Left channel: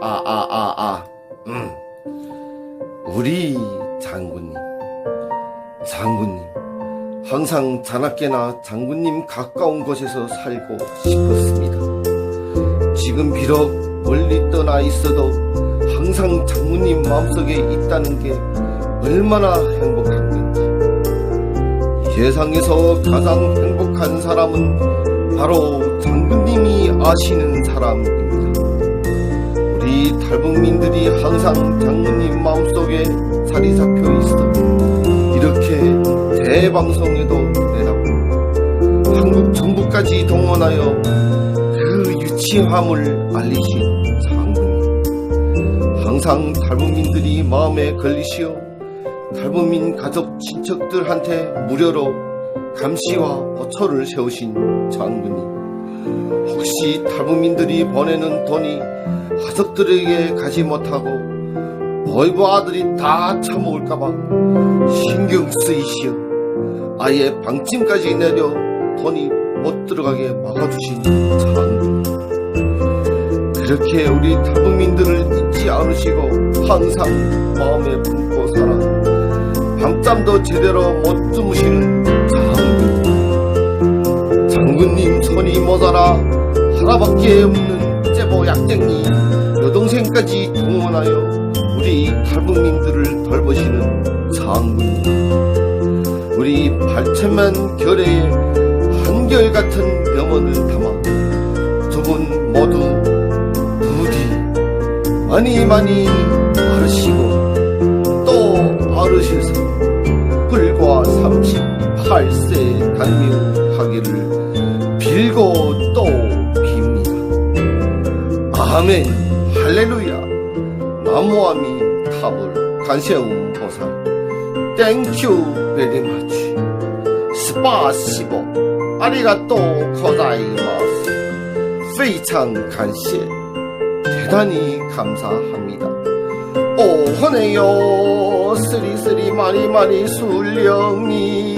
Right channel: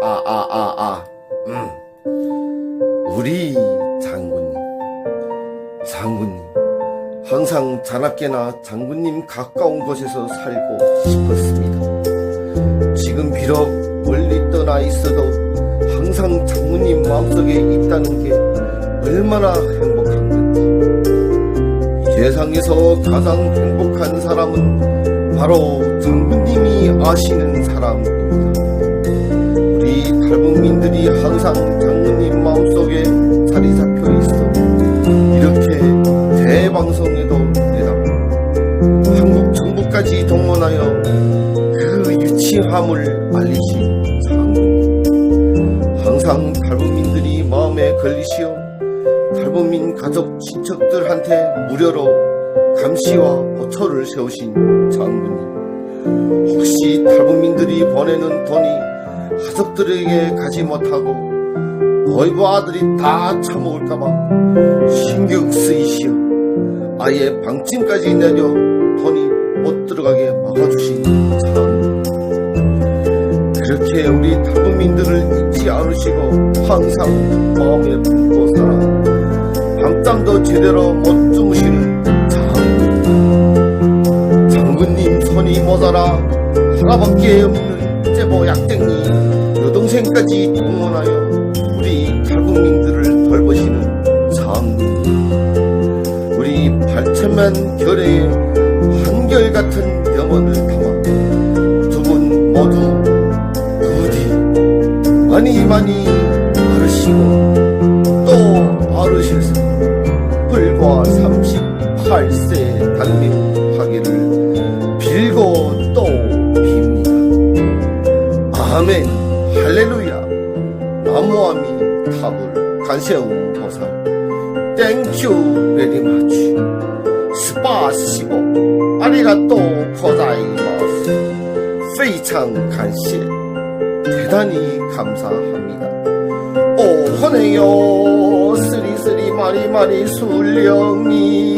아, 아, 아, 아. 음. 우리 장군님. 장군님. 항상 자나깨나 장군님 가까운 곳에서 살고 싶었습니다. 지금 비록 멀리 떠나 있어도 항상 장군님 마음속에 있다는 게 얼마나 행복한 건지. 이 세상에서 가장 행복한 사람은 바로 장군님이 아시는 사람입니다. 탈북민들이 항상 장군님 마음속에 자리 잡혀 있어. 이렇게 대방송에도 내다보 한국 정부까지 동원하여 그 유치함을 알리신 장군님. 항상 탈북민들이 마음에 걸리시어 탈북민 가족 친척들한테 무료로 감시와 호초를 세우신 장군님 혹시 탈북민들이 보내는 돈이 가족들에게 가지 못하고 보이브 아들이 다 처먹을까봐 신경 쓰이시어 아예 방침까지 내려 돈이 못 들어가게 막아주신 장군 그렇게 우리 탈북민들을 잊지 않으시고 항상 마음에 품고 살아. 밤잠도 제대로 못 주무시는 장군님 손이 모자라 하나밖에 없는 제보 약쟁이 여동생까지 동원하여 우리 탈북민들을 돌보시는 장군님. 우리 8천만 결의의 한결같은 영혼을 담아 두 분 모두 부디 많이 많이 알으시고 또 알으셔서 불과 38세 단명하기를 들고 또 빕니다. 아멘. 할렐루야. 나무아미 탑을 간세운 보사. 땡큐 베리마치. 스파시보. 아리가또 코다이마스. 페이창 간세. 대단히 감사합니다. 오호네요. 쓰리쓰리 마리마리 술령이.